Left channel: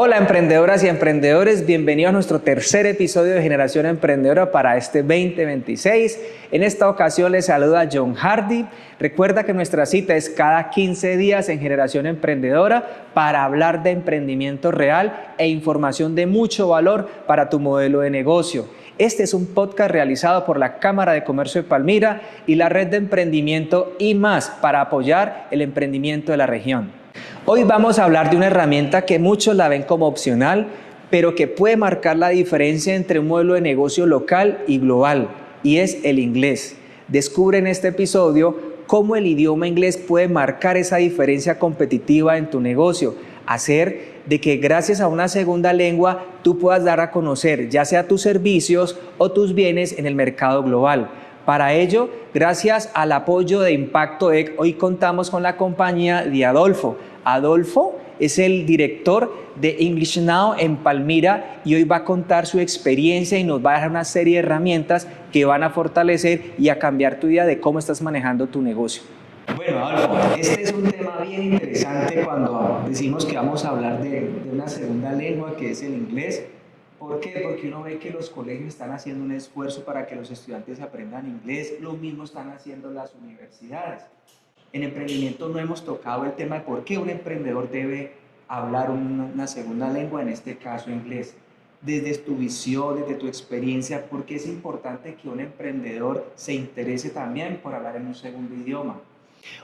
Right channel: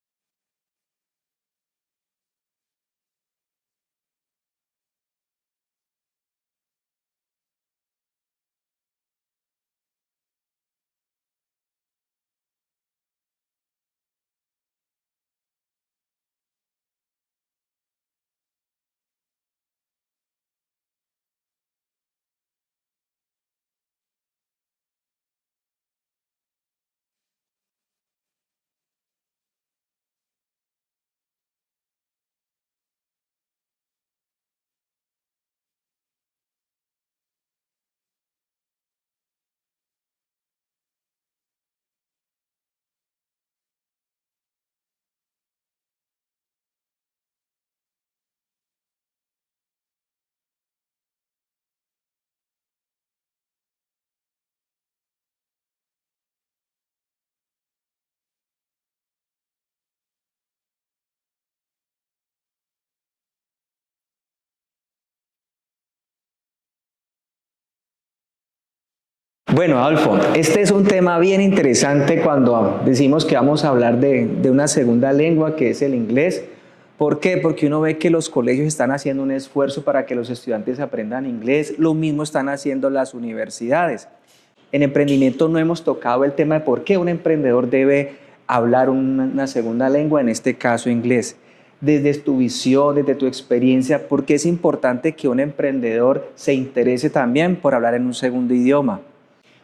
Hola emprendedoras y emprendedores, bienvenidos a nuestro tercer episodio de Generación Emprendedora para este 2026. En esta ocasión les saluda John Hardy. Recuerda que nuestra cita es cada 15 días en Generación Emprendedora para hablar de emprendimiento real e información de mucho valor para tu modelo de negocio. Este es un podcast realizado por la Cámara de Comercio de Palmira y la Red de Emprendimiento y más para apoyar el emprendimiento de la región. Hoy vamos a hablar de una herramienta que muchos la ven como opcional, pero que puede marcar la diferencia entre un modelo de negocio local y global, y es el inglés. Descubre en este episodio cómo el idioma inglés puede marcar esa diferencia competitiva en tu negocio, hacer de que gracias a una segunda lengua tú puedas dar a conocer ya sea tus servicios o tus bienes en el mercado global. Para ello, gracias al apoyo de Impacto EC, hoy contamos con la compañía de Adolfo. Adolfo es el director de English Now en Palmira y hoy va a contar su experiencia y nos va a dejar una serie de herramientas que van a fortalecer y a cambiar tu idea de cómo estás manejando tu negocio. Bueno, Adolfo, este es un tema bien interesante cuando decimos que vamos a hablar de una segunda lengua que es el inglés. ¿Por qué? Porque uno ve que los colegios están haciendo un esfuerzo para que los estudiantes aprendan inglés, lo mismo están haciendo las universidades. En emprendimiento no hemos tocado el tema de por qué un emprendedor debe hablar una segunda lengua, en este caso inglés. Desde tu visión, desde tu experiencia, ¿por qué es importante que un emprendedor se interese también por hablar en un segundo idioma?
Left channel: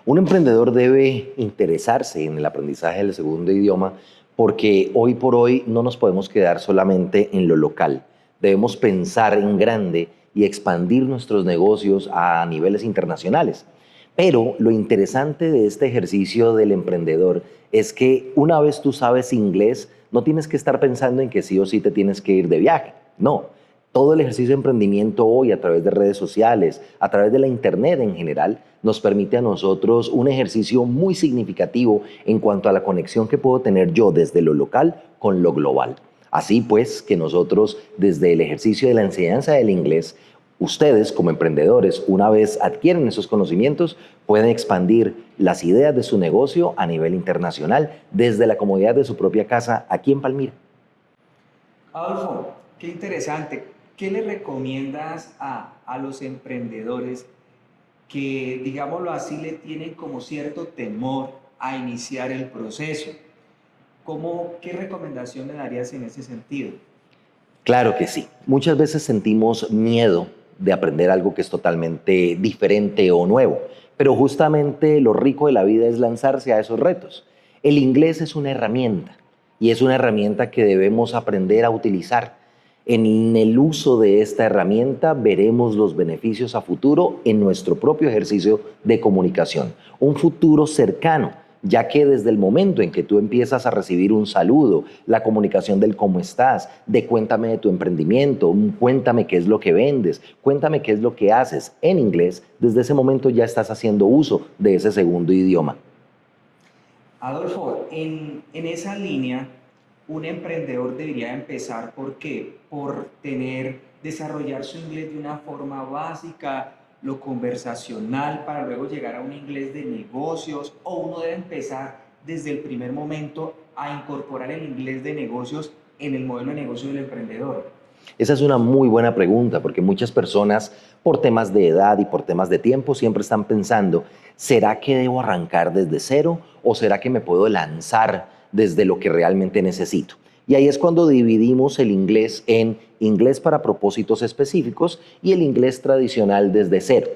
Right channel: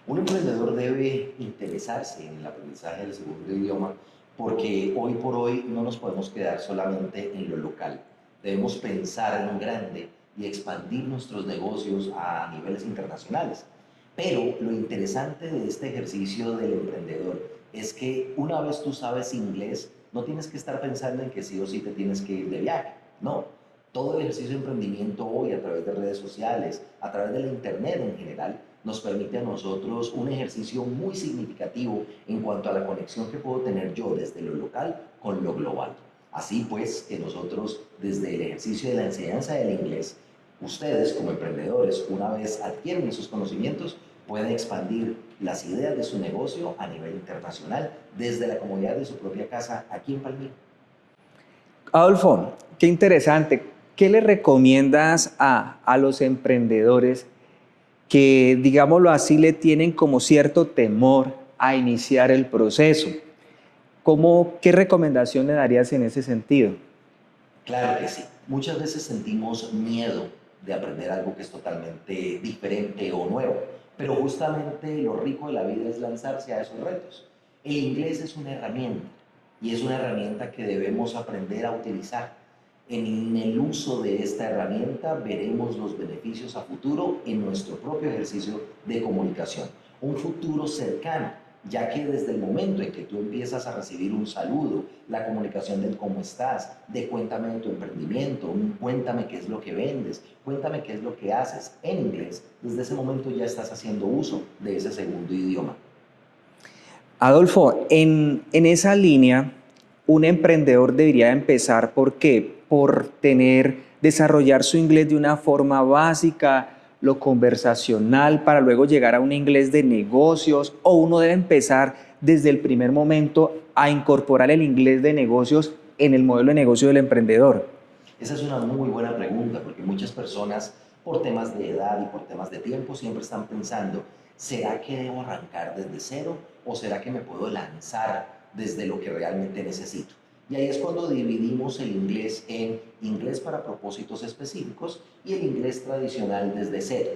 Un emprendedor debe interesarse en el aprendizaje del segundo idioma porque hoy por hoy no nos podemos quedar solamente en lo local. Debemos pensar en grande y expandir nuestros negocios a niveles internacionales. Pero lo interesante de este ejercicio del emprendedor es que una vez tú sabes inglés, no tienes que estar pensando en que sí o sí te tienes que ir de viaje. No, todo el ejercicio de emprendimiento hoy a través de redes sociales, a través de la internet en general, nos permite a nosotros un ejercicio muy significativo en cuanto a la conexión que puedo tener yo desde lo local con lo global. Así pues que nosotros desde el ejercicio de la enseñanza del inglés, ustedes como emprendedores, una vez adquieren esos conocimientos, pueden expandir las ideas de su negocio a nivel internacional desde la comodidad de su propia casa aquí en Palmira. Adolfo, qué interesante. ¿Qué le recomiendas a los emprendedores que, digámoslo así, le tienen como cierto temor a iniciar el proceso? ¿Qué recomendación le darías en ese sentido? Claro que sí. Muchas veces sentimos miedo de aprender algo que es totalmente diferente o nuevo, pero justamente lo rico de la vida es lanzarse a esos retos. El inglés es una herramienta y es una herramienta que debemos aprender a utilizar. En el uso de esta herramienta veremos los beneficios a futuro en nuestro propio ejercicio de comunicación. Un futuro cercano, ya que desde el momento en que tú empiezas a recibir un saludo, la comunicación del cómo estás, de cuéntame de tu emprendimiento, cuéntame qué es lo que vendes, cuéntame qué es lo que haces en inglés, desde ese momento ya estás haciendo uso de ese segundo idioma. Adolfo, en esa línea, un emprendedor debería empezar, ¿por qué? Por desarrollar su inglés de una forma básica, lo conversacional, para luego llegar a un inglés de negocios, o uno debe empezar desde el primer momento a incorporar el inglés de negocios en el modelo de negocio del emprendedor. Esa es una muy buena pregunta porque muchas personas, por temas de edad y por temas de tiempo, siempre están pensando, ¿será que debo arrancar desde cero o será que me puedo lanzar desde lo que realmente necesito? Y ahí es cuando dividimos el inglés en inglés para propósitos específicos y el inglés tradicional desde cero.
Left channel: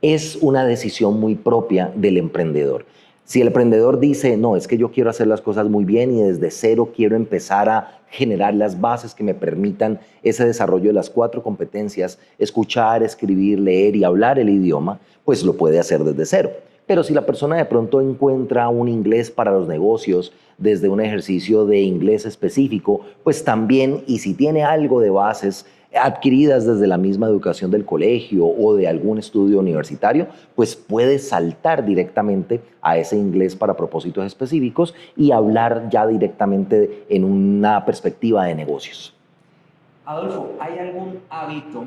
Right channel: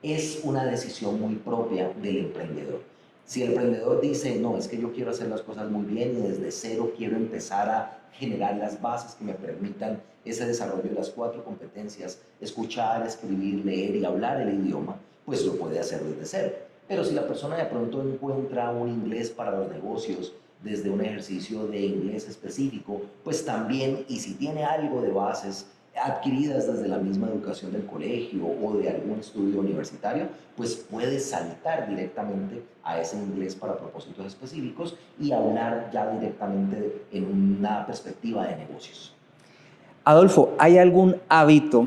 Es una decisión muy propia del emprendedor. Si el emprendedor dice, no, es que yo quiero hacer las cosas muy bien y desde cero quiero empezar a generar las bases que me permitan ese desarrollo de las 4 competencias, escuchar, escribir, leer y hablar el idioma, pues lo puede hacer desde cero. Pero si la persona de pronto encuentra un inglés para los negocios desde un ejercicio de inglés específico, pues también, y si tiene algo de bases adquiridas desde la misma educación del colegio o de algún estudio universitario, pues puede saltar directamente a ese inglés para propósitos específicos y hablar ya directamente en una perspectiva de negocios. Adolfo, ¿hay algún hábito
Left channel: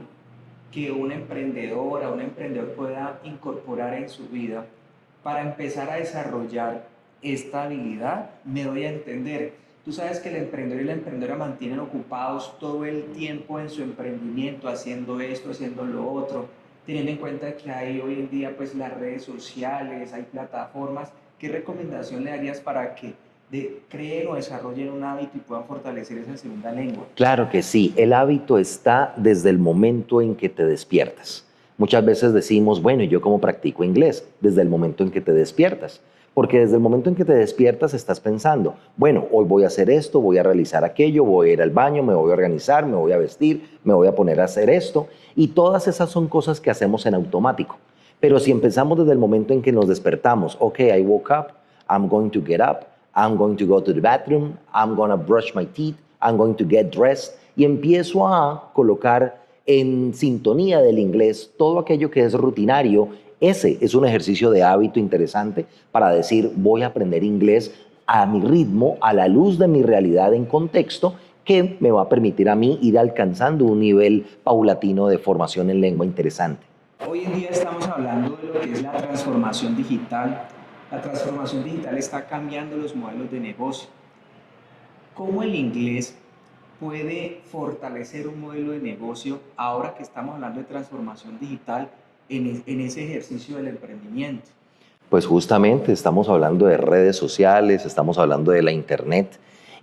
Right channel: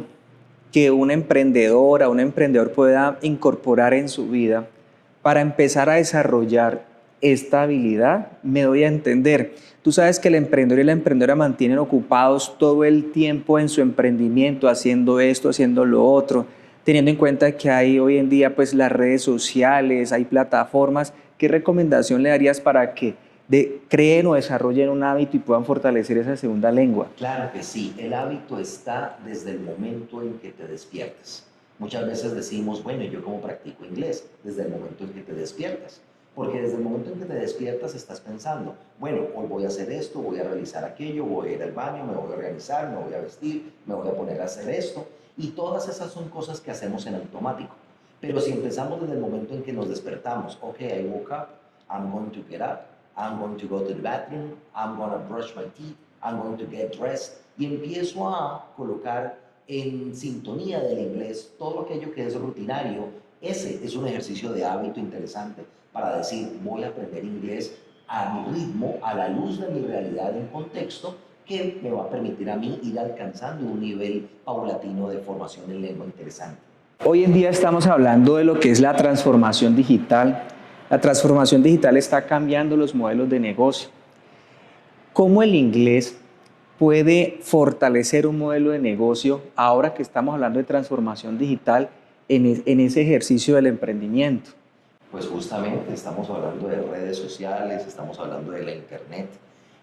que una emprendedora o un emprendedor pueda incorporar en su vida para empezar a desarrollar esta habilidad? Me doy a entender. Tú sabes que el emprendedor y la emprendedora mantienen ocupados todo el tiempo en su emprendimiento, haciendo esto, haciendo lo otro, teniendo en cuenta que hay hoy en día pues las redes sociales, hay plataformas. ¿Qué recomendación le darías para que creen o desarrollen un hábito y puedan fortalecer esa segunda lengua? Claro que sí, el hábito está desde el momento en que te despiertas. Muchas veces decimos, bueno, ¿yo cómo practico inglés? Desde el momento en que te despiertas. Porque desde el momento en que te despiertas estás pensando, bueno, hoy voy a hacer esto, voy a realizar aquello, voy a ir al baño, me voy a organizar, me voy a vestir, me voy a poner a hacer esto. Y todas esas son cosas que hacemos en automático. Pero si empezamos desde el momento en que nos despertamos, ok, I woke up, I'm going to get up, I'm going to go to the bathroom, I'm going to brush my teeth, I'm going to get dressed, y empiezo a colocar en sintonía del inglés todo aquello que es rutinario. Ese es un ejercicio de hábito interesante para decir, voy a aprender inglés a mi ritmo, a la luz de mi realidad en contexto, que me va a permitir a mí ir alcanzando un nivel paulatino de formación en lengua interesante. Hoy en día estamos hablando de lo que es la transformación digital. La transformación digital está cambiando los modelos de negocio. ¿Cómo el inglés puede fortalecer un modelo de negocio ahora que estamos hablando de transformación digital en ese ejercicio del emprendimiento? Pues justamente estamos hablando de redes sociales, estamos hablando de la internet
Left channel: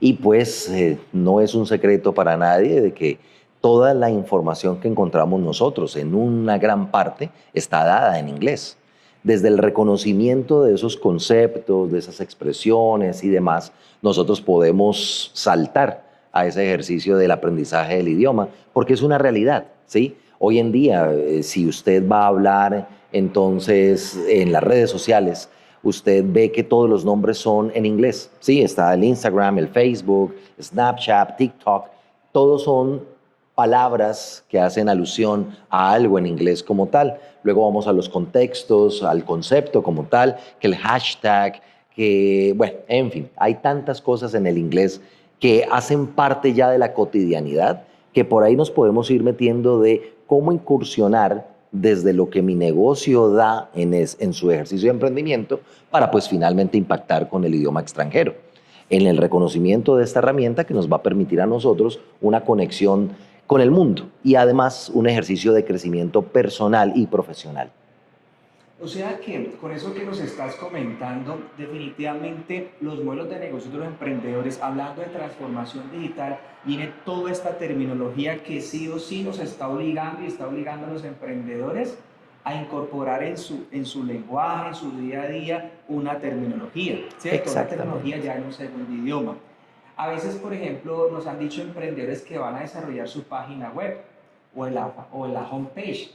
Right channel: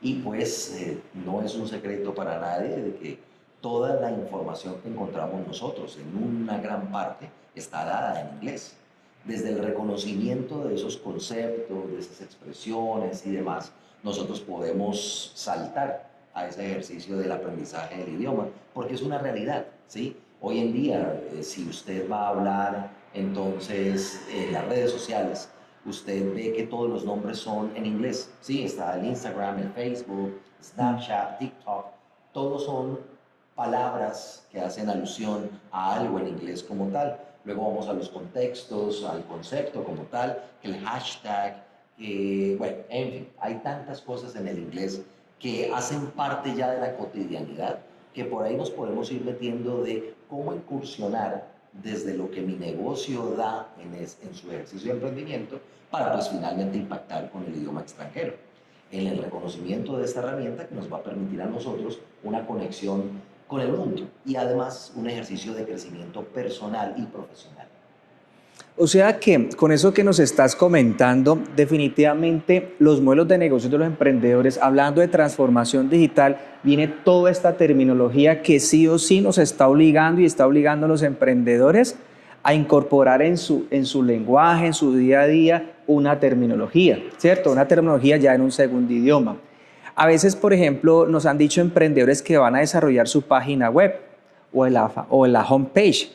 y pues no es un secreto para nadie de que toda la información que encontramos nosotros en una gran parte está dada en inglés. Desde el reconocimiento de esos conceptos, de esas expresiones y demás, nosotros podemos saltar a ese ejercicio del aprendizaje del idioma, porque es una realidad, ¿sí? Hoy en día, si usted va a hablar entonces en las redes sociales, usted ve que todos los nombres son en inglés, ¿sí? Está el Instagram, el Facebook, Snapchat, TikTok, todos son palabras que hacen alusión a algo en inglés como tal. Luego vamos a los contextos, al concepto como tal, que el hashtag, que, bueno, en fin, hay tantas cosas en el inglés que hacen parte ya de la cotidianidad, que por ahí nos podemos ir metiendo de cómo incursionar desde lo que mi negocio da en su ejercicio de emprendimiento para pues finalmente impactar con el idioma extranjero. En el reconocimiento de esta herramienta que nos va a permitir a nosotros una conexión con el mundo y además un ejercicio de crecimiento personal y profesional. O sea que con eso que nos estás comentando, definitivamente los modelos de negocio de los emprendedores, hablando de transformación digital, viene toda esta terminología que sí o sí nos está obligando y está obligando a los emprendedores a incorporar en su lenguaje, en su día a día, una terminología, ¿cierto? Una terminología ya en un segundo idioma. A veces, por ejemplo, nos han dicho emprendedores que van a desarrollar su página web o en la homepage.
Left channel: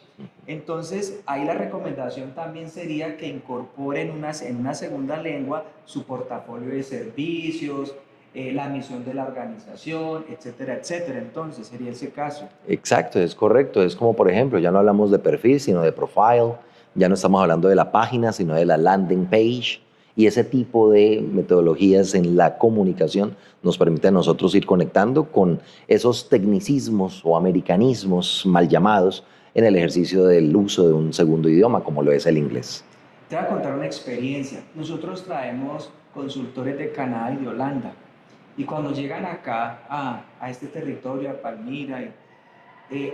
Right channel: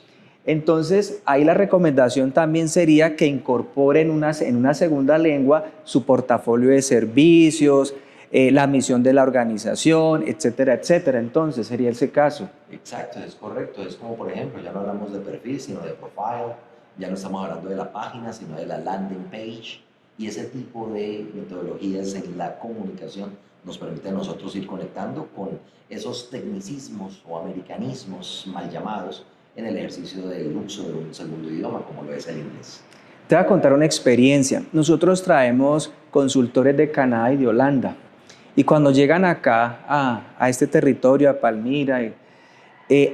Entonces, ahí la recomendación también sería que incorporen en una segunda lengua su portafolio de servicios, la misión de la organización, etcétera, etcétera. Entonces, sería ese caso. Exacto, es correcto. Es como, por ejemplo, ya no hablamos de perfil, sino de profile. Ya no estamos hablando de la página, sino de la landing page. Y ese tipo de metodologías en la comunicación nos permite a nosotros ir conectando con esos tecnicismos o americanismos mal llamados en el ejercicio del uso de un segundo idioma, como lo es el inglés. Te voy a contar una experiencia. Nosotros traemos consultores de Canadá y de Holanda. Y cuando llegan acá a este territorio, a Palmira,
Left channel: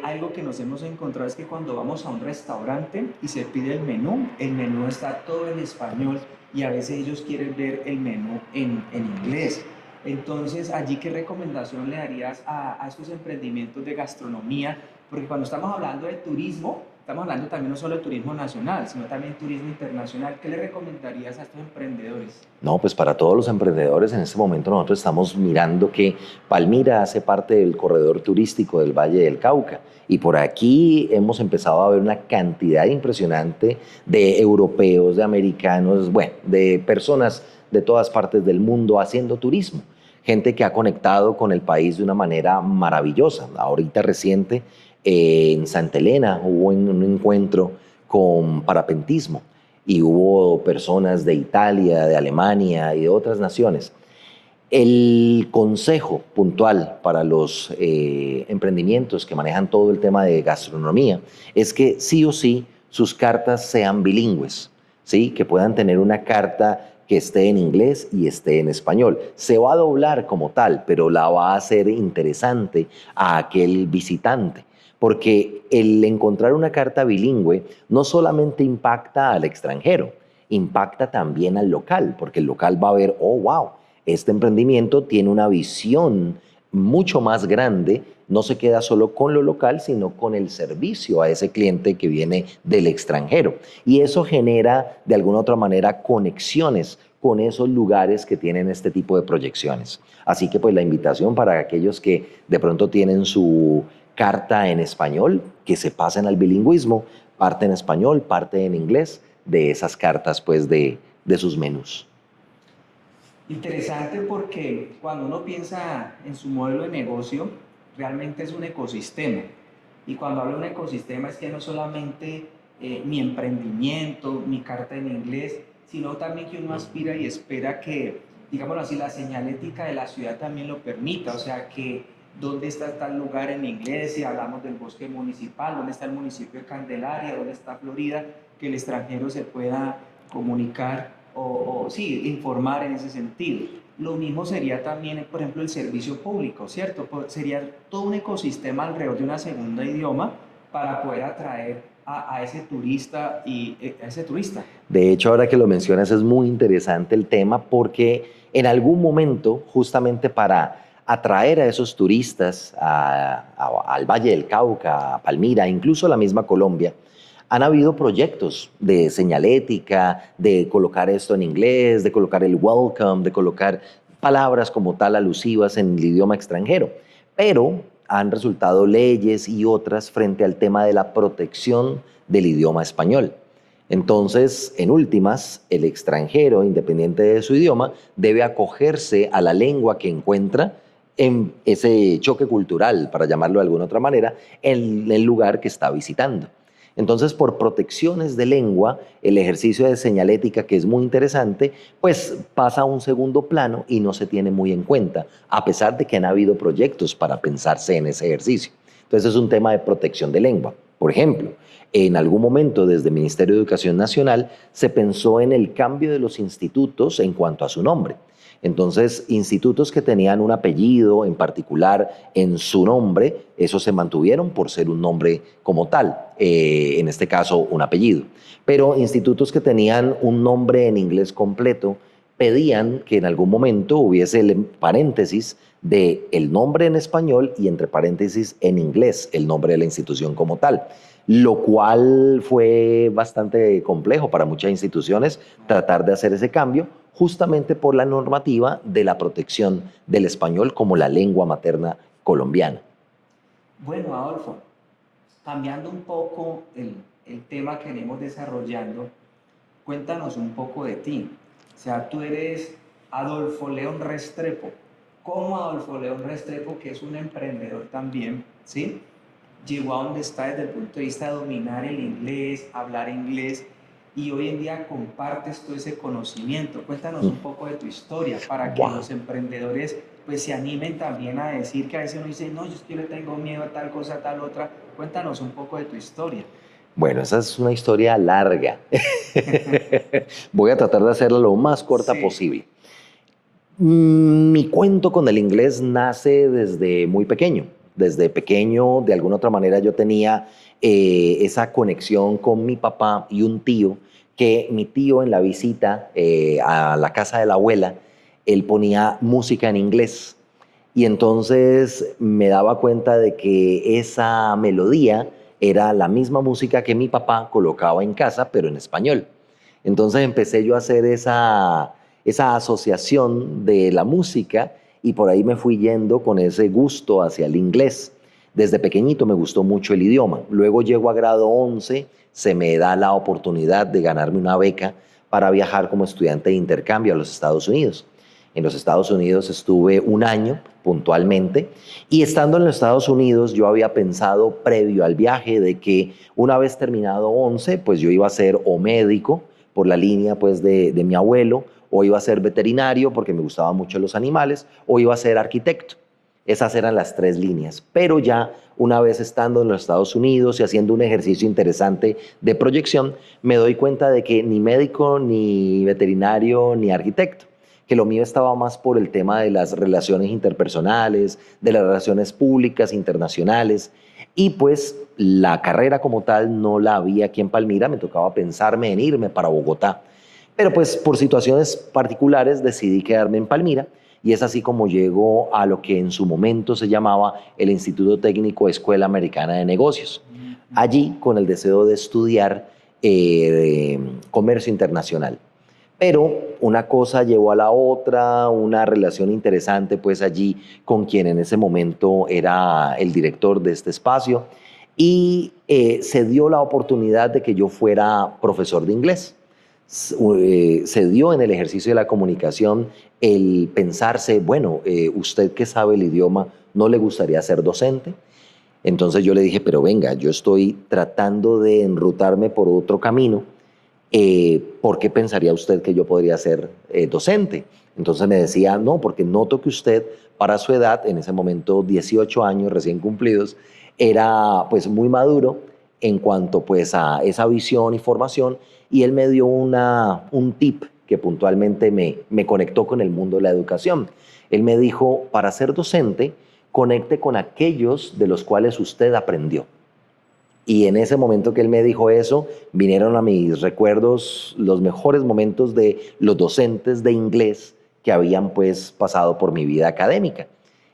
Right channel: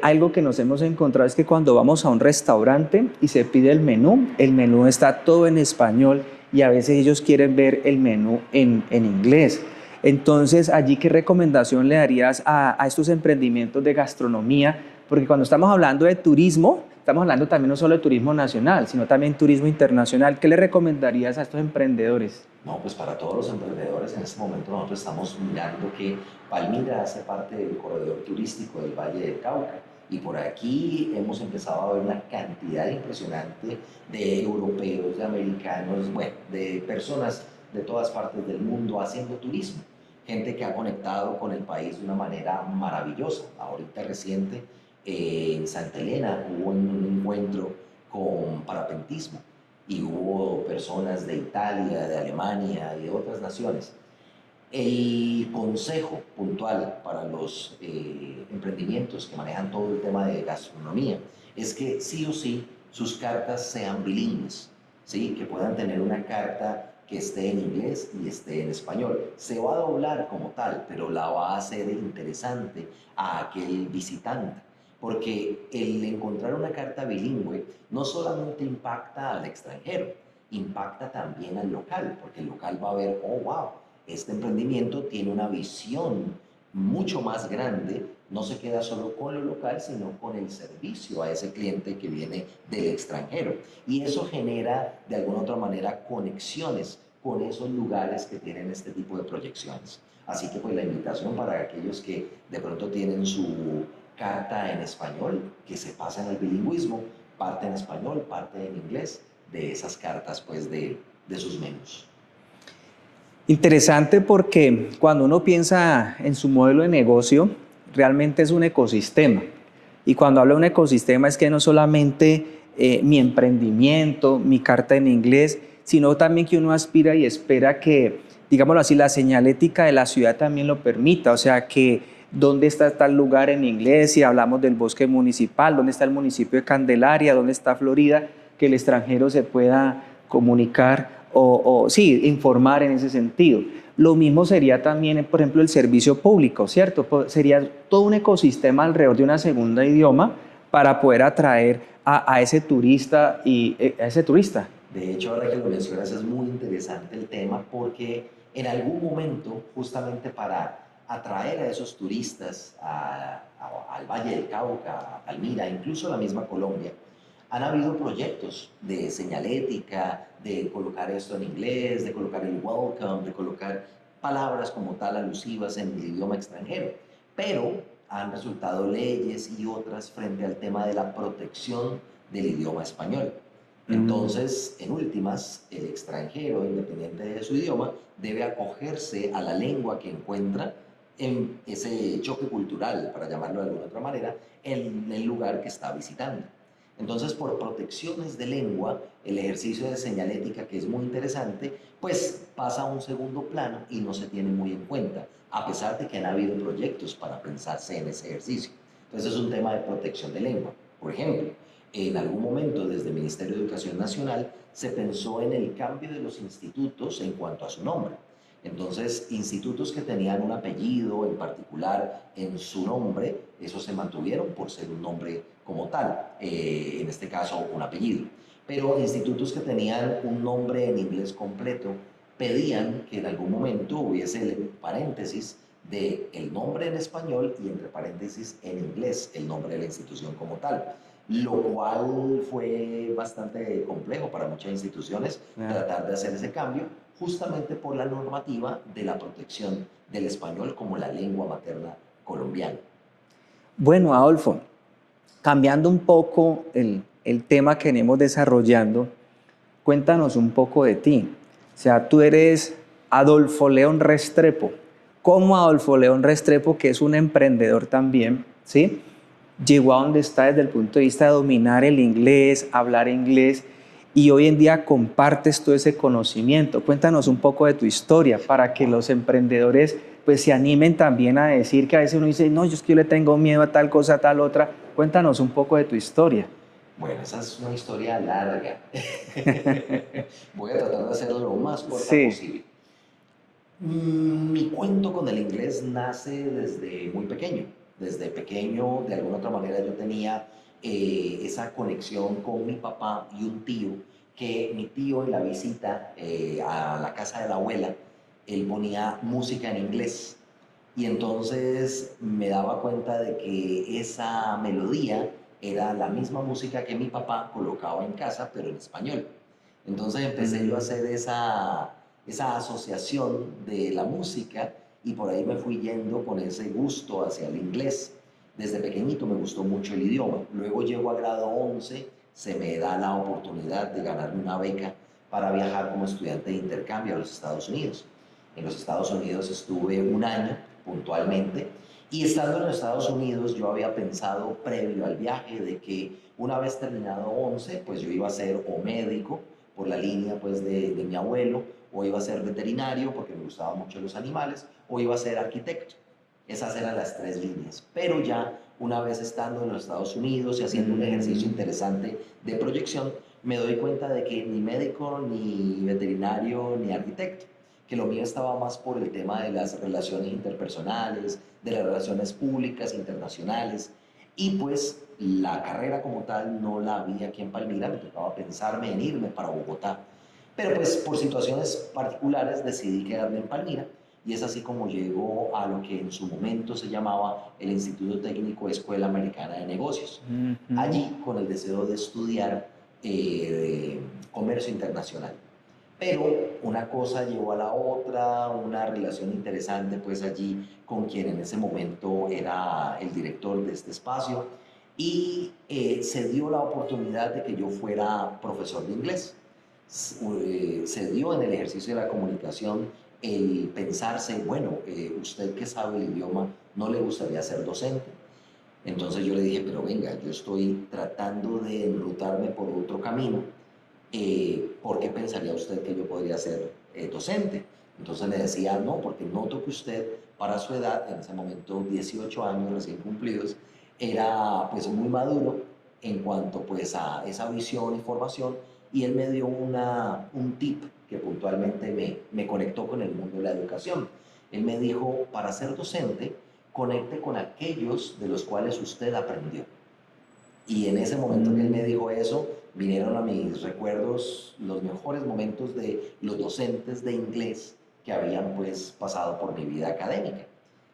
algo que nos hemos encontrado es que cuando vamos a un restaurante y se pide el menú está todo en español y a veces ellos quieren ver el menú en inglés. Entonces, allí, ¿qué recomendación le darías a estos emprendimientos de gastronomía? Porque cuando estamos hablando de turismo, estamos hablando también no solo de turismo nacional, sino también turismo internacional. ¿Qué le recomendarías a estos emprendedores? No, pues para todos los emprendedores en este momento nosotros estamos mirando que Palmira hace parte del corredor turístico del Valle del Cauca y por aquí hemos empezado a ver una cantidad impresionante de europeos, de americanos, bueno, de personas de todas partes del mundo haciendo turismo. Gente que ha conectado con el país de una manera maravillosa. Ahorita reciente en Santa Elena hubo un encuentro con parapentismo y hubo personas de Italia, de Alemania y de otras naciones. El consejo puntual para los emprendimientos que manejan todo el tema de gastronomía es que sí o sí sus cartas sean bilingües, ¿sí? Que puedan tener una carta que esté en inglés y esté en español. Se va a doblar como tal, pero la va a hacer interesante a aquel visitante, porque el encontrar una carta bilingüe no solamente impacta al extranjero, impacta también al local, porque el local va a ver, oh, wow, este emprendimiento tiene una visión mucho más grande, no se queda solo con lo local, sino con el servicio a ese cliente que viene del extranjero. Y eso genera, de alguna u otra manera, conexiones con esos lugares que tienen este tipo de proyecciones. Así que pues la invitación para aquellos que de pronto tienen su carta en español, que se pasen al bilingüismo, parte en español, parte en inglés, de esas cartas pues de sus menús. Interesante porque cuando uno piensa en su modelo de negocio, realmente es un ecosistema. Y cuando hablo de un ecosistema es que no solamente mi emprendimiento, mi carta en inglés, sino también que uno aspira y espera que, digámoslo así, la señalética de la ciudad también lo permita. O sea, que dónde está tal lugar en inglés, si hablamos del bosque municipal, dónde está el municipio de Candelaria, dónde está Florida, que el extranjero se pueda comunicar sí, informar en ese sentido. Lo mismo sería también, por ejemplo, el servicio público, ¿cierto? Sería todo un ecosistema alrededor de una segunda idioma para poder atraer a ese turista y a ese turista. De hecho, ahora que lo mencionas, es muy interesante el tema porque en algún momento, justamente para atraer a esos turistas al Valle del Cauca, a Palmira, incluso a la misma Colombia, han habido proyectos de señalética, de colocar esto en inglés, de colocar el welcome, de colocar palabras como tal alusivas en el idioma extranjero. Pero han resultado leyes y otras frente al tema de la protección del idioma español. Entonces, en últimas, el extranjero, independiente de su idioma, debe acogerse a la lengua que encuentra en ese choque cultural, para llamarlo de alguna otra manera, en el lugar que está visitando. Entonces, por protecciones de lengua, el ejercicio de señalética, que es muy interesante, pues pasa a un segundo plano y no se tiene muy en cuenta, a pesar de que han habido proyectos para pensarse en ese ejercicio. Entonces, es un tema de protección de lengua. Por ejemplo, en algún momento desde el Ministerio de Educación Nacional se pensó en el cambio de los institutos en cuanto a su nombre. Entonces, institutos que tenían un apellido en particular en su nombre, esos se mantuvieron por ser un nombre como tal, en este caso un apellido. Pero institutos que tenían un nombre en inglés completo pedían que en algún momento hubiese el paréntesis de el nombre en español y entre paréntesis en inglés el nombre de la institución como tal, lo cual fue bastante complejo para muchas instituciones tratar de hacer ese cambio, justamente por la normativa de la protección del español como la lengua materna colombiana. Bueno, Adolfo, cambiando un poco el tema que venimos desarrollando, cuéntanos un poco de ti. O sea, tú eres Adolfo León Restrepo. ¿Cómo Adolfo León Restrepo, que es un emprendedor también, ¿sí?, llegó a donde está desde el punto de vista de dominar el inglés, hablar inglés, y hoy en día compartes todo ese conocimiento? Cuéntanos un poco de tu historia para que los emprendedores pues se animen también a decir, que a veces uno dice, no, yo es que yo le tengo miedo a tal cosa, a tal otra. Cuéntanos un poco de tu historia. Bueno, esa es una historia larga. Voy a tratar de hacerla lo más corta posible. Mi cuento con el inglés nace desde muy pequeño. Desde pequeño, de alguna otra manera, yo tenía esa conexión con mi papá y un tío, que mi tío en la visita a la casa de la abuela, él ponía música en inglés. Y entonces me daba cuenta de que esa melodía era la misma música que mi papá colocaba en casa, pero en español. Entonces empecé yo a hacer esa asociación de la música y por ahí me fui yendo con ese gusto hacia el inglés. Desde pequeñito me gustó mucho el idioma. Luego llego a grado 11, se me da la oportunidad de ganarme una beca para viajar como estudiante de intercambio a los Estados Unidos. En los Estados Unidos estuve un año puntualmente y estando en los Estados Unidos yo había pensado previo al viaje de que una vez terminado 11, pues yo iba a ser o médico por la línea pues de mi abuelo, o iba a ser veterinario porque me gustaban mucho los animales, o iba a ser arquitecto. Esas eran las 3 líneas. Pero ya una vez estando en los Estados Unidos y haciendo un ejercicio interesante de proyección, me doy cuenta de que ni médico, ni veterinario, ni arquitecto, que lo mío estaba más por el tema de las relaciones interpersonales, de las relaciones públicas, internacionales, y pues la carrera como tal no la había aquí en Palmira, me tocaba pensarme en irme para Bogotá. Pero pues por situaciones particulares decidí quedarme en Palmira y es así como llego a lo que en su momento se llamaba el Instituto Técnico Escuela Americana de Negocios. Ujú. Allí con el deseo de estudiar comercio internacional. Pero una cosa llevó a la otra, una relación interesante pues allí con quien en ese momento era el director de este espacio y se dio la oportunidad de que yo fuera profesor de inglés. Se dio en el ejercicio de la comunicación el pensarse, bueno, usted que sabe el idioma, ¿no le gustaría ser docente? Entonces yo le dije, pero venga, yo estoy tratando de enrutarme por otro camino. ¿Por qué pensaría usted que yo podría ser docente? Entonces me decía, no, porque noto que usted, para su edad, en ese momento 18 años recién cumplidos, era pues muy maduro en cuanto pues a esa visión y formación, y él me dio un tip que puntualmente me conectó con el mundo de la educación. Él me dijo, para ser docente, conecte con aquellos de los cuales usted aprendió. Y en ese momento que él me dijo eso, vinieron a mis recuerdos los mejores momentos de los docentes de inglés que habían pues pasado por mi vida académica.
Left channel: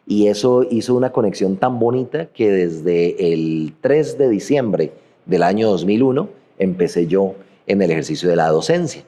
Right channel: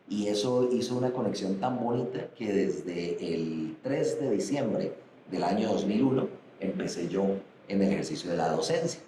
Y eso hizo una conexión tan bonita que desde el 3 de diciembre del año 2001 empecé yo en el ejercicio de la docencia.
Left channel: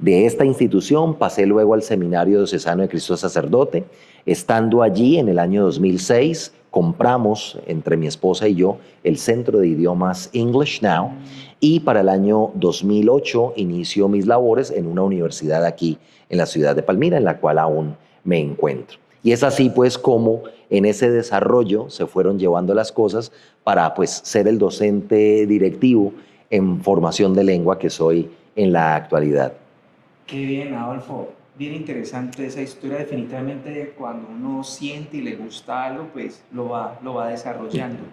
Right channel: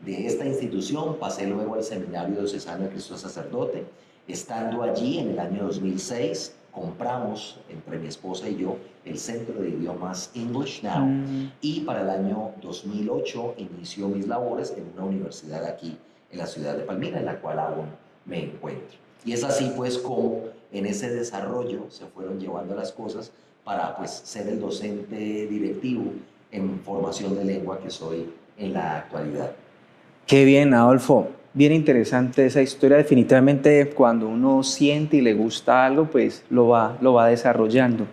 De esta institución pasé luego al Seminario Diocesano de Cristo Sacerdote. Estando allí en el año 2006, compramos entre mi esposa y yo el Centro de Idiomas English Now Mm. y para el año 2008 inicio mis labores en una universidad aquí en la ciudad de Palmira, en la cual aún me encuentro. Y es así pues como en ese desarrollo se fueron llevando las cosas para pues ser el docente directivo en formación de lengua que soy en la actualidad. Qué bien, Adolfo. Bien interesante esa historia. Definitivamente cuando uno siente y le gusta algo, pues lo va desarrollando.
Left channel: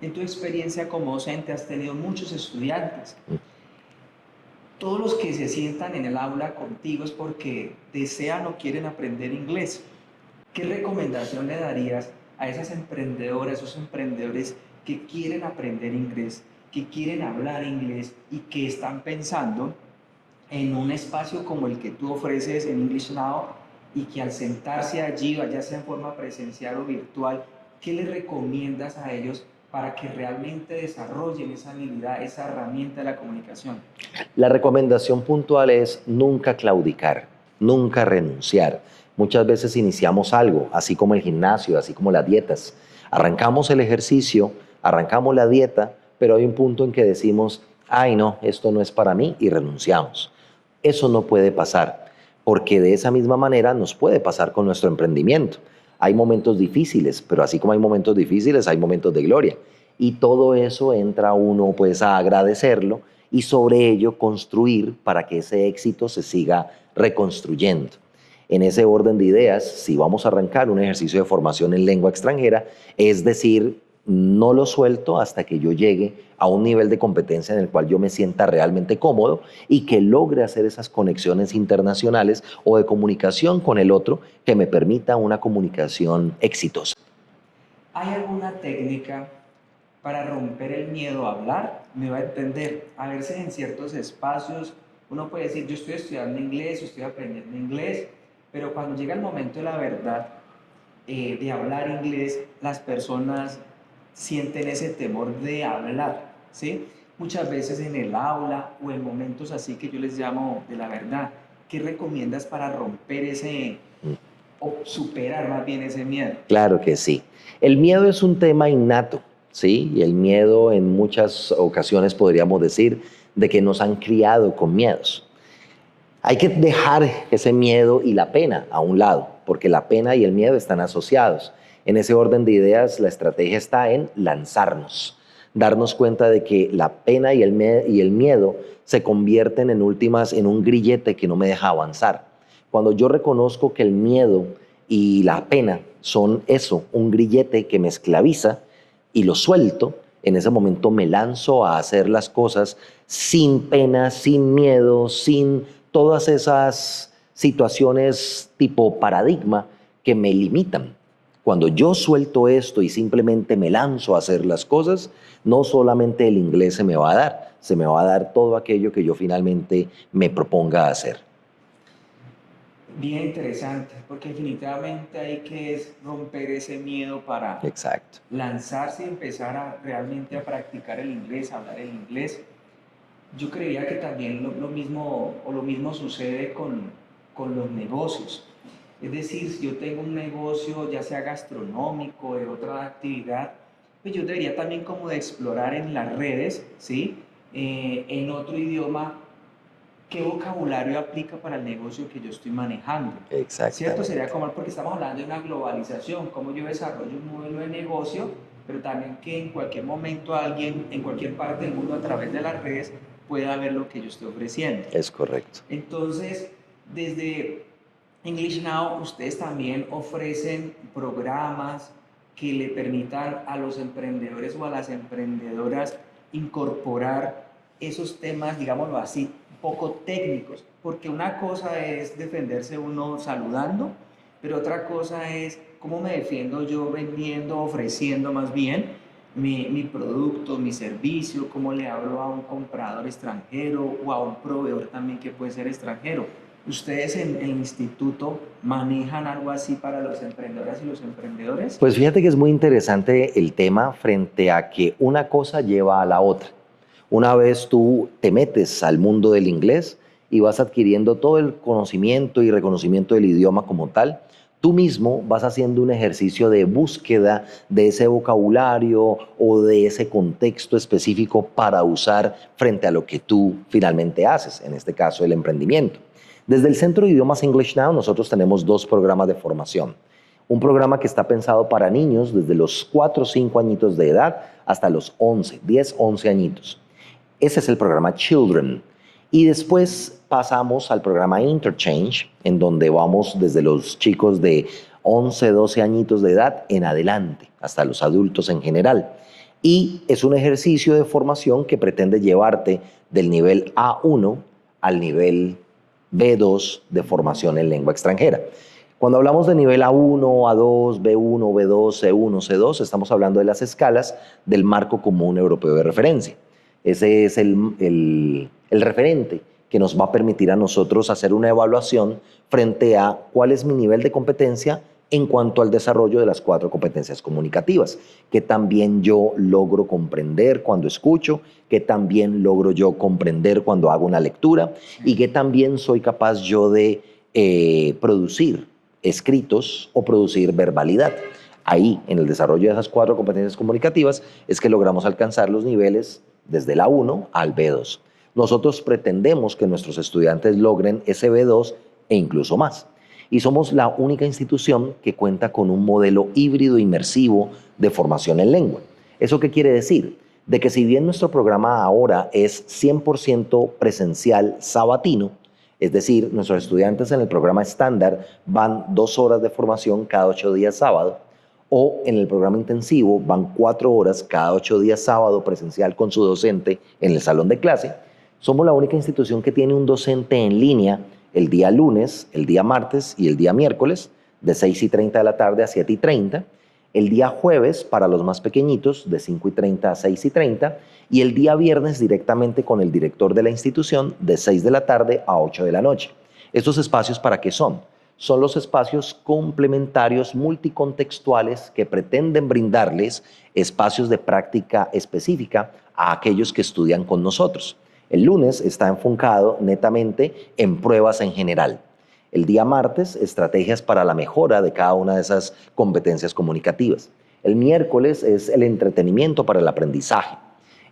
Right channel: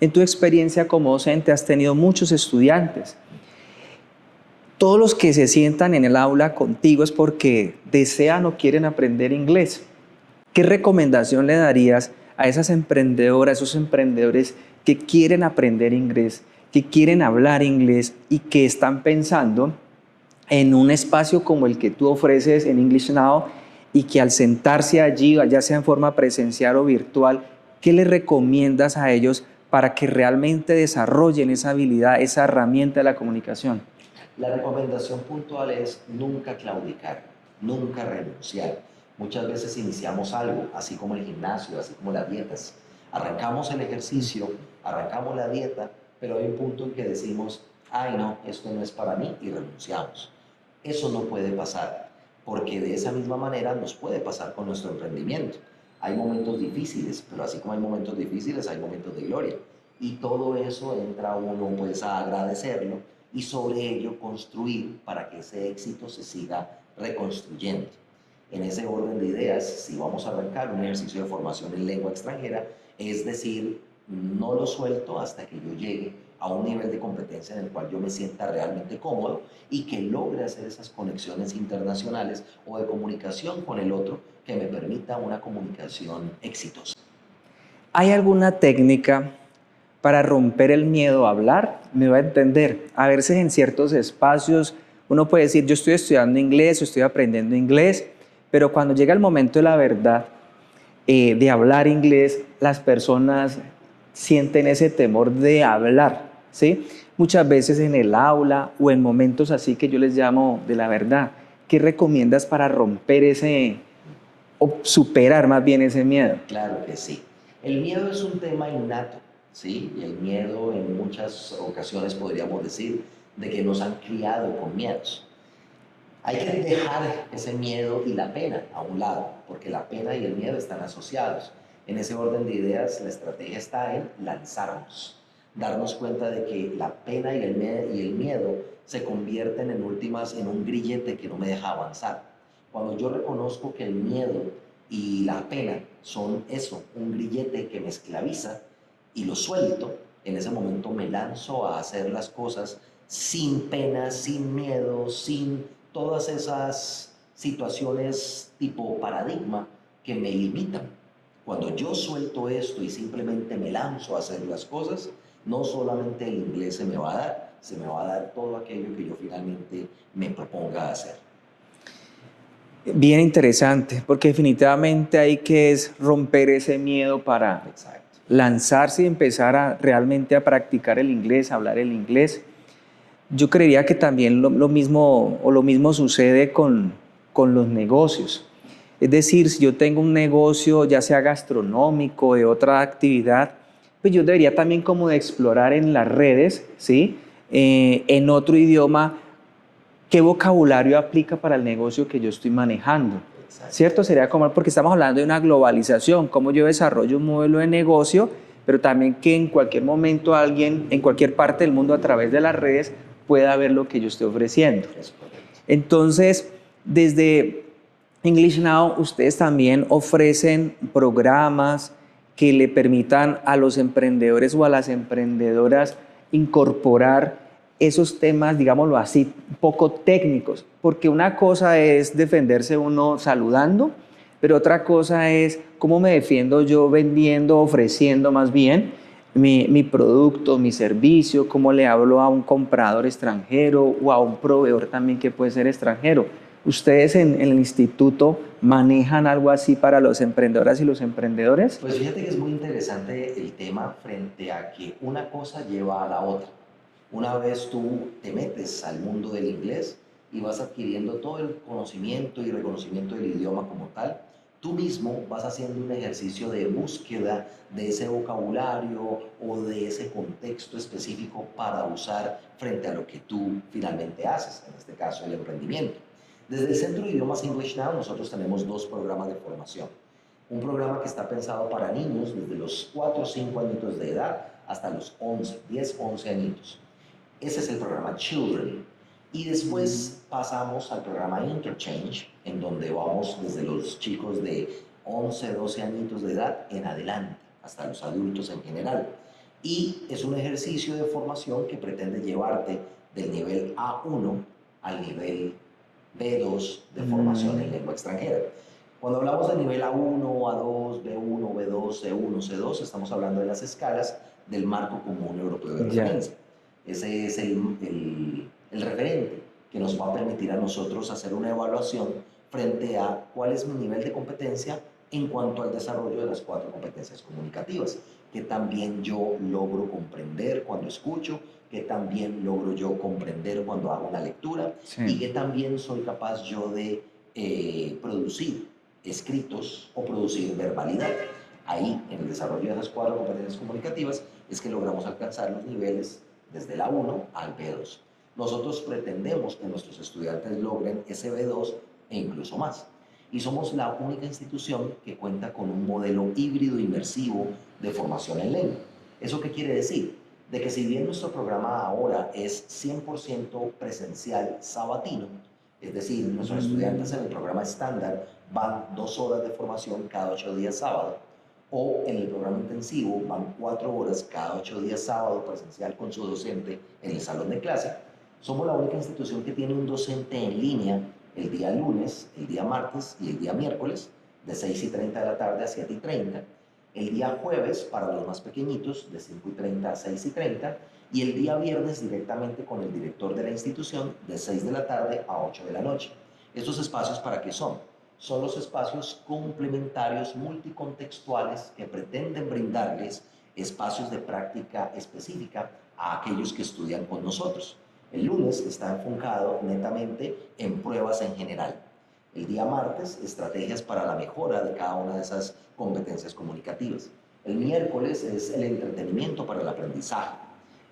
En tu experiencia como docente has tenido muchos estudiantes. Todos los que se sientan en el aula contigo es porque desean o quieren aprender inglés. ¿Qué recomendación le darías a esas emprendedoras, esos emprendedores que quieren aprender inglés, que quieren hablar inglés y que están pensando en un espacio como el que tú ofreces en English Now y que al sentarse allí, ya sea en forma presencial o virtual, qué les recomiendas a ellos para que realmente desarrollen esa habilidad, esa herramienta de la comunicación? La recomendación puntual es nunca claudicar, nunca renunciar. Muchas veces iniciamos algo, así como el gimnasio, así como las dietas. Arrancamos el ejercicio, arrancamos la dieta, pero hay un punto en que decimos, ay no, esto no es para mí y renunciamos. Eso no puede pasar, porque de esa misma manera nos puede pasar con nuestro emprendimiento. Hay momentos difíciles, pero así como hay momentos difíciles, hay momentos de gloria. Y todo eso entra uno pues a agradecerlo y sobre ello construir para que ese éxito se siga reconstruyendo. En ese orden de ideas, si vamos a arrancar un ejercicio de formación en lengua extranjera, es decir, no lo suelto hasta que yo llegue a un nivel de competencia en el cual yo me sienta realmente cómodo y que logre hacer esas conexiones internacionales o de comunicación con el otro que me permita una comunicación exitosa. ¿Hay alguna técnica para romper el miedo a hablar? Me va a entender. A veces en ciertos espacios uno puede decir, yo estoy estudiando inglés, yo estoy aprendiendo inglés, pero cuando llega el momento de la verdad, de hablar inglés, las personas sienten ese temor de hablar, ¿sí? Muchas veces en el aula o en momentos así que yo les llamo de la verdad. ¿Qué recomiendas para romper ese, o superar más bien ese miedo? Claro que sí. El miedo es un tema innato, ¿sí? Y el miedo en muchas ocasiones podríamos decir de que nos han criado con miedos. Hay que dejar ese miedo y la pena a un lado, porque la pena y el miedo están asociados. En ese orden de ideas, la estrategia está en lanzarnos, darnos cuenta de que la pena y el miedo se convierten en últimas en un grillete que no me deja avanzar. Cuando yo reconozco que el miedo y la pena son eso, un grillete que me esclaviza y lo suelto, en ese momento me lanzo a hacer las cosas sin pena, sin miedo, sin todas esas situaciones tipo paradigma que me limitan. Cuando yo suelto esto y simplemente me lanzo a hacer las cosas, no solamente el inglés se me va a dar, se me va a dar todo aquello que yo finalmente me proponga hacer. Bien interesante, porque definitivamente hay que romper ese miedo para Exacto. lanzarse y empezar realmente a practicar el inglés, a hablar el inglés. Yo creería que también lo mismo sucede con los negocios. Es decir, si yo tengo un negocio, ya sea gastronómico, de otra actividad, pues yo debería también como de explorar en las redes, ¿sí? En otro idioma, qué vocabulario aplica para el negocio que yo estoy manejando. ¿Cierto? Sería como, porque estamos hablando de una globalización, cómo yo desarrollo un modelo de negocio, pero también que en cualquier momento alguien, en cualquier parte del mundo a través de las redes, pueda ver lo que yo estoy ofreciendo. Es correcto. Entonces, desde English Now, ustedes también ofrecen programas que le permitan a los emprendedores o a las emprendedoras incorporar esos temas, digámoslo así, poco técnicos, porque una cosa es defenderse uno saludando, pero otra cosa es cómo me defiendo yo vendiendo, ofreciendo más bien mi producto, mi servicio, cómo le hablo a un comprador extranjero o a un proveedor también que puede ser extranjero. ¿Ustedes en el instituto manejan algo así para los emprendedoras y los emprendedores? Pues fíjate que es muy interesante el tema frente a que una cosa lleva a la otra. Una vez tú te metes al mundo del inglés y vas adquiriendo todo el conocimiento y reconocimiento del idioma como tal, tú mismo vas haciendo un ejercicio de búsqueda de ese vocabulario o de ese contexto específico para usar frente a lo que tú finalmente haces, en este caso el emprendimiento. Desde el Centro de Idiomas English Now nosotros tenemos 2 programas de formación. Un programa que está pensado para niños desde los 4 o 5 añitos de edad hasta los 11, 10, 11 añitos. Ese es el programa Children. Y después pasamos al programa Interchange, en donde vamos desde los chicos de 11, 12 añitos de edad en adelante, hasta los adultos en general. Y es un ejercicio de formación que pretende llevarte del nivel A1 al nivel B2 de formación en lengua extranjera. Cuando hablamos de nivel A1, A2, B1, B2, C1, C2, estamos hablando de las escalas del marco común europeo de referencia. Ese es el referente que nos va a permitir a nosotros hacer una evaluación frente a cuál es mi nivel de competencia en cuanto al desarrollo de las 4 competencias comunicativas, que también yo logro comprender cuando escucho, que también logro yo comprender cuando hago una lectura, y que también soy capaz yo de producir escritos o producir verbalidad. Ahí, en el desarrollo de esas 4 competencias comunicativas, es que logramos alcanzar los niveles desde la A1 al B2. Nosotros pretendemos que nuestros estudiantes logren ese B2 e incluso más. Y somos la única institución que cuenta con un modelo híbrido inmersivo de formación en lengua. ¿Eso qué quiere decir? De que si bien nuestro programa ahora es 100% presencial sabatino, es decir, nuestros estudiantes en el programa estándar van 2 horas de formación cada 8 días sábado, o en el programa intensivo van 4 horas cada 8 días sábado presencial con su docente en el salón de clase. Somos la única institución que tiene un docente en línea el día lunes, el día martes y el día miércoles, de 6:30 de la tarde a 7:30, el día jueves para los más pequeñitos, de 5:30 a 6:30, y el día viernes directamente con el director de la institución, de 6 de la tarde a 8 de la noche. ¿Estos espacios para qué son? Son los espacios complementarios multicontextuales que pretenden brindarles espacios de práctica específica a aquellos que estudian con nosotros. El lunes está enfocado netamente en pruebas en general. El día martes, estrategias para la mejora de cada una de esas competencias comunicativas. El miércoles es el entretenimiento para el aprendizaje.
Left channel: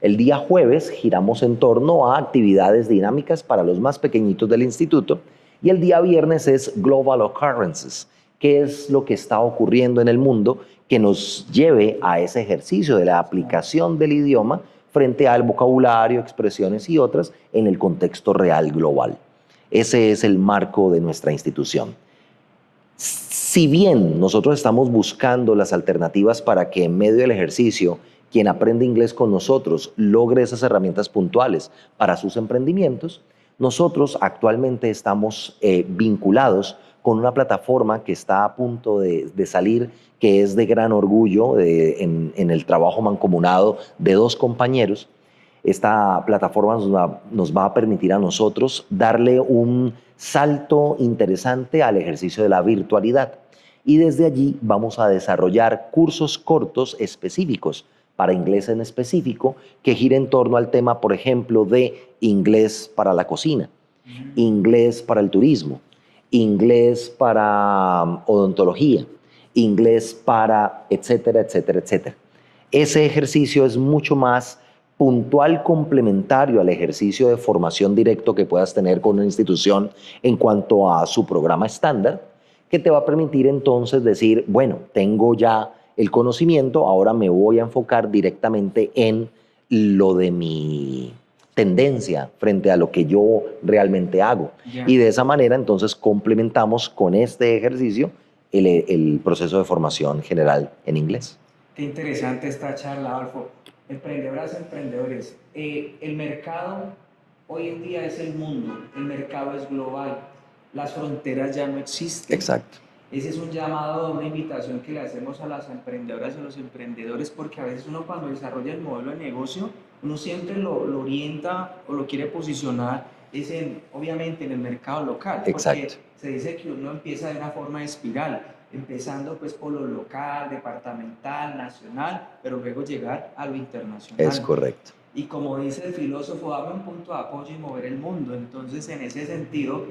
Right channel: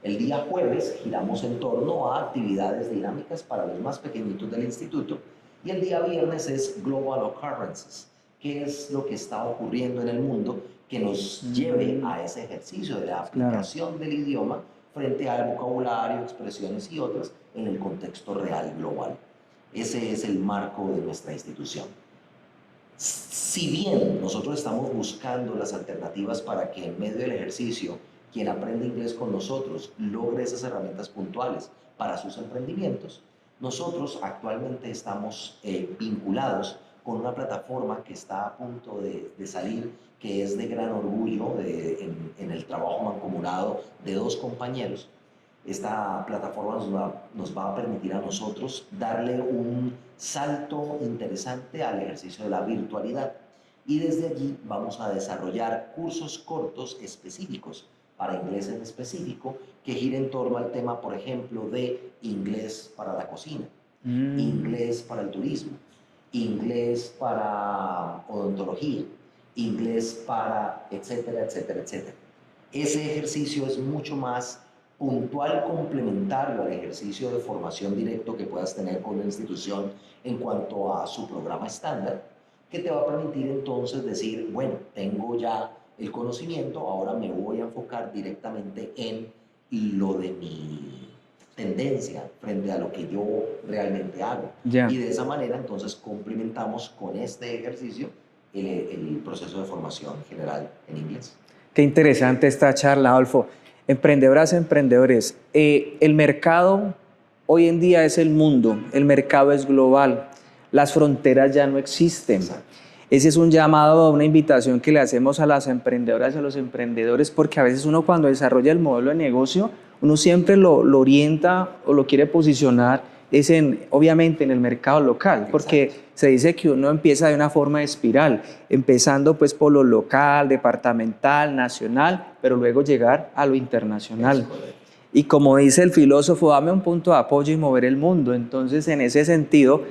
El día jueves giramos en torno a actividades dinámicas para los más pequeñitos del instituto. Y el día viernes es Global Occurrences, que es lo que está ocurriendo en el mundo que nos lleve a ese ejercicio de la aplicación del idioma frente al vocabulario, expresiones y otras en el contexto real global. Ese es el marco de nuestra institución. Si bien nosotros estamos buscando las alternativas para que en medio del ejercicio quien aprende inglés con nosotros logre esas herramientas puntuales para sus emprendimientos, nosotros actualmente estamos vinculados con una plataforma que está a punto de salir, que es de gran orgullo en el trabajo mancomunado de dos compañeros. Esta plataforma nos va a permitir a nosotros darle un salto interesante al ejercicio de la virtualidad. Y desde allí vamos a desarrollar cursos cortos específicos para inglés en específico que gira en torno al tema, por ejemplo, de inglés para la cocina, inglés para el turismo, inglés para odontología, inglés para etcétera, etcétera, etcétera. Ese ejercicio es mucho más puntual, complementario al ejercicio de formación directo que puedas tener con una institución en cuanto a su programa estándar, que te va a permitir entonces decir, bueno, tengo ya el conocimiento, ahora me voy a enfocar directamente en lo de mi tendencia frente a lo que yo realmente hago. Ya. Y de esa manera entonces complementamos con este ejercicio el proceso de formación general en inglés. Qué interesante esta charla, Adolfo. Emprendedoras, emprendedores, el mercado hoy en día es el mundo, el mercado es global, las fronteras ya no existen. Exacto. Ese es un llamado, una invitación que le hacemos a las emprendedoras y a los emprendedores, porque a veces uno cuando desarrolla el modelo de negocio, uno siempre lo orienta o lo quiere posicionar obviamente en el mercado local, porque Exacto. se dice que uno empieza de una forma de espiral, empezando pues por lo local, departamental, nacional, pero luego llegar a lo internacional. Es correcto. Y como dice el filósofo, dame un punto de apoyo y mover el mundo. Entonces, en ese sentido,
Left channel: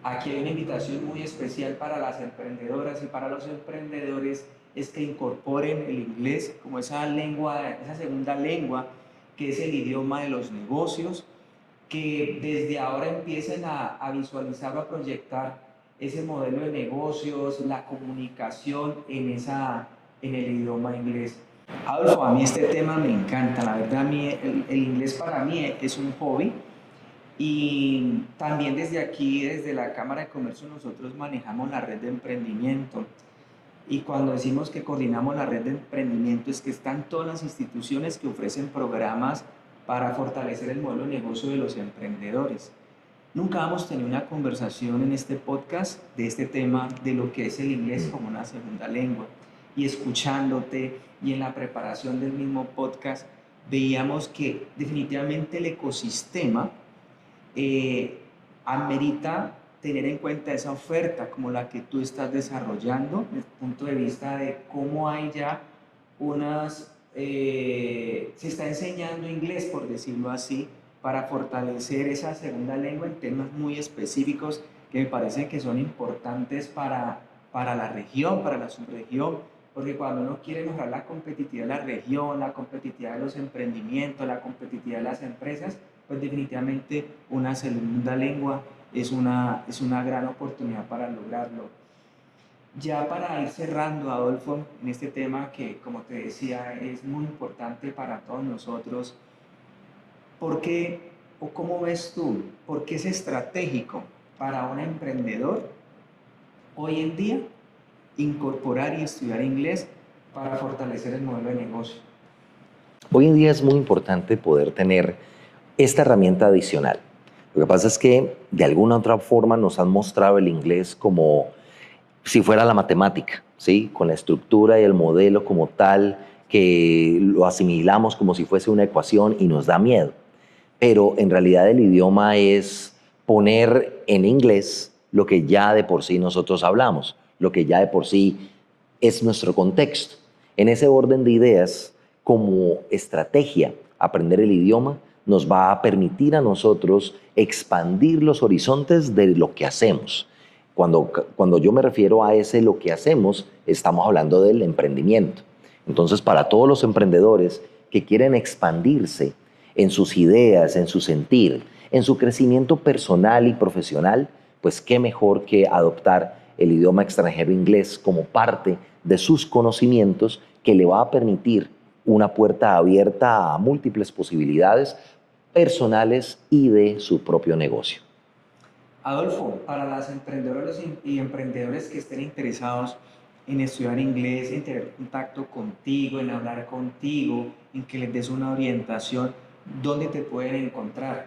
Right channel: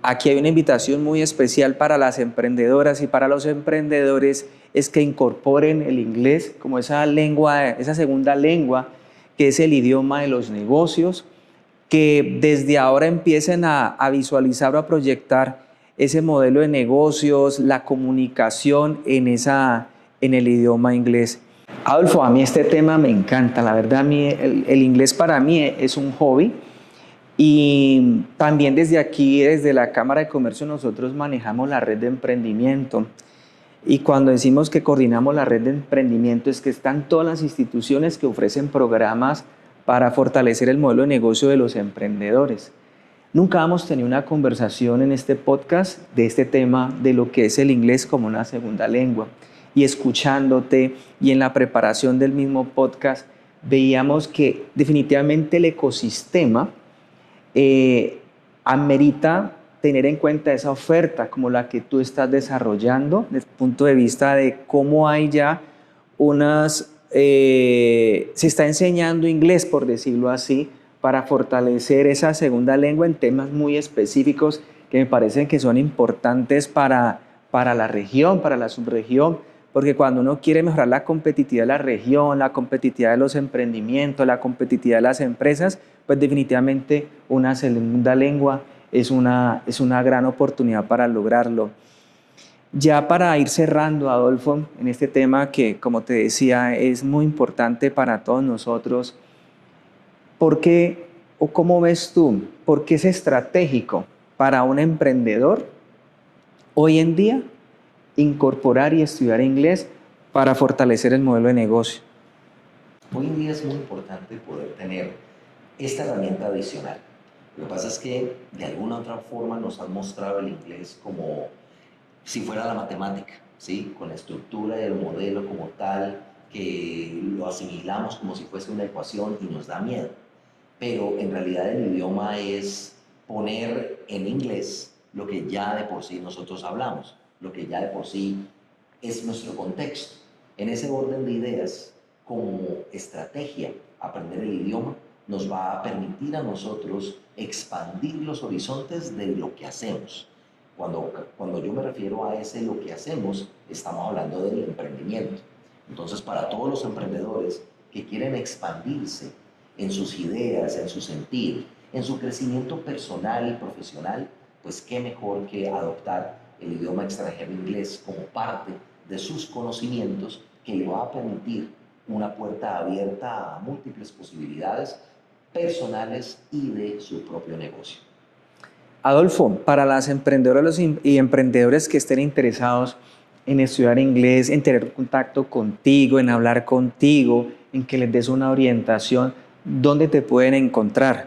aquí hay una invitación muy especial para las emprendedoras y para los emprendedores, es que incorporen el inglés como esa lengua, esa segunda lengua, que es el idioma de los negocios, que desde ahora empiecen a visualizar o a proyectar ese modelo de negocios, la comunicación en el idioma inglés. Adolfo, a mí este tema me encanta, la verdad, a mí el inglés para mí es un hobby y también desde aquí, desde la Cámara de Comercio, nosotros manejamos la red de emprendimiento. Y cuando decimos que coordinamos la red de emprendimiento es que están todas las instituciones que ofrecen programas para fortalecer el modelo de negocio de los emprendedores. Nunca hemos tenido una conversación en este podcast de este tema de lo que es el inglés como una segunda lengua. Y escuchándote y en la preparación del mismo podcast veíamos que definitivamente el ecosistema amerita tener en cuenta esa oferta como la que tú estás desarrollando desde el punto de vista de cómo hay ya se está enseñando inglés, por decirlo así, para fortalecer esa segunda lengua en temas muy específicos que me parecen que son importantes para la región, para la subregión, porque cuando uno quiere mejorar la competitividad de la región, la competitividad de los emprendimientos, la competitividad de las empresas, pues definitivamente una segunda lengua es una gran oportunidad para lograrlo. Ya para ir cerrando, Adolfo, en este tema que, como te decía, es muy importante para todos nosotros, ¿por qué o cómo ves tú, por qué es estratégico para un emprendedor hoy en día incorporar y estudiar inglés para fortalecer el modelo de negocio? Hoy en día es muy importante poder tener esta herramienta adicional. Lo que pasa es que de alguna u otra forma nos han mostrado el inglés como si fuera la matemática, ¿sí? Con la estructura y el modelo como tal, que lo asimilamos como si fuese una ecuación y nos da miedo. Pero en realidad el idioma es poner en inglés lo que ya de por sí nosotros hablamos, lo que ya de por sí es nuestro contexto. En ese orden de ideas, como estrategia, aprender el idioma nos va a permitir a nosotros expandir los horizontes de lo que hacemos. Cuando yo me refiero a ese lo que hacemos, estamos hablando del emprendimiento. Entonces, para todos los emprendedores que quieren expandirse en sus ideas, en su sentir, en su crecimiento personal y profesional, pues qué mejor que adoptar el idioma extranjero inglés como parte de sus conocimientos que le va a permitir una puerta abierta a múltiples posibilidades personales y de su propio negocio. Adolfo, para las emprendedoras y emprendedores que estén interesados en estudiar inglés, en tener contacto contigo, en hablar contigo, en que les des una orientación, ¿dónde te pueden encontrar?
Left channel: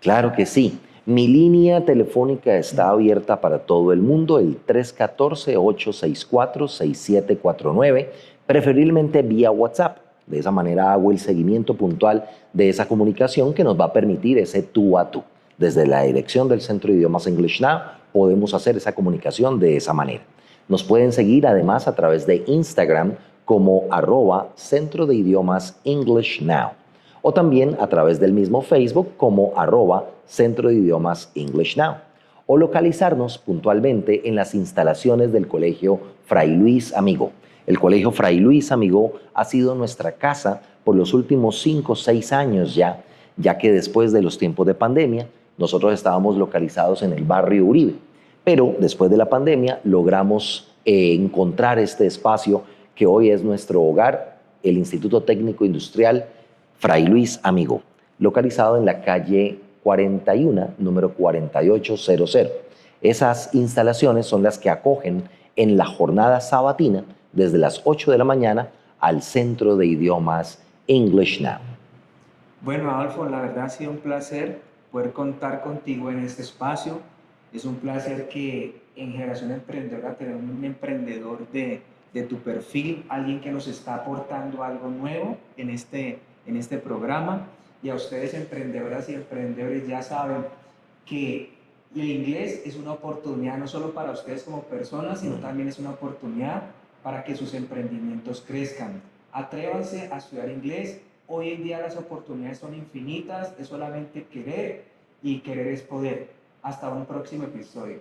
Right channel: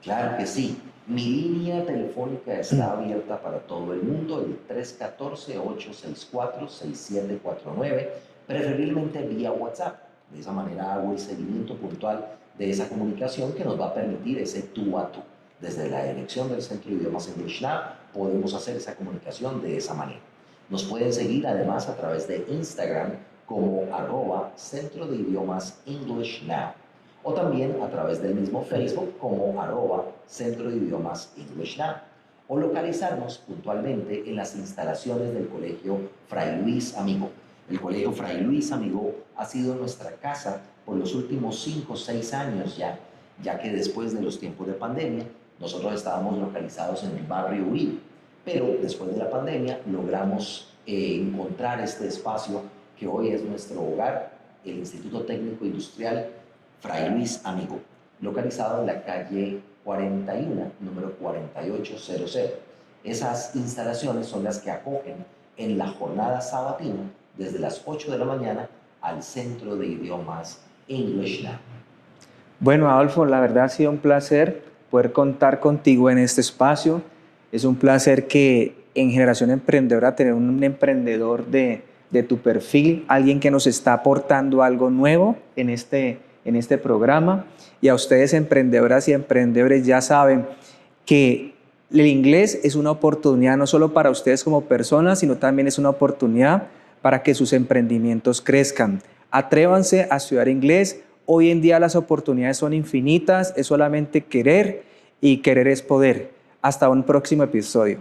Claro que sí. Mi línea telefónica está abierta para todo el mundo, el 314-864-6749, preferiblemente vía WhatsApp. De esa manera hago el seguimiento puntual de esa comunicación que nos va a permitir ese tú a tú. Desde la dirección del Centro de Idiomas English Now podemos hacer esa comunicación de esa manera. Nos pueden seguir además a través de Instagram como @Centro de Idiomas English Now, o también a través del mismo Facebook como @Centro de Idiomas English Now, o localizarnos puntualmente en las instalaciones del Colegio Fray Luis Amigó. El Colegio Fray Luis Amigó ha sido nuestra casa por los últimos 5 o 6 años ya que después de los tiempos de pandemia, nosotros estábamos localizados en el barrio Uribe, pero después de la pandemia logramos encontrar este espacio que hoy es nuestro hogar, el Instituto Técnico Industrial Fray Luis Amigó, localizado en la calle 41, número 4800. Esas instalaciones son las que acogen en la jornada sabatina desde las 8 de la mañana al Centro de Idiomas English Now. Bueno, Adolfo, la verdad ha sido un placer poder contar contigo en este espacio. Es un placer que en Generación Emprendedora tener un emprendedor de tu perfil, alguien que nos está aportando algo nuevo en este programa. Y a ustedes, emprendedoras y emprendedores, ya saben que el inglés es una oportunidad no solo para ustedes como personas, sino también es una oportunidad para que sus emprendimientos crezcan. Atrévanse a estudiar inglés. Hoy en día las oportunidades son infinitas, es solamente querer y querer es poder. Hasta un próximo episodio.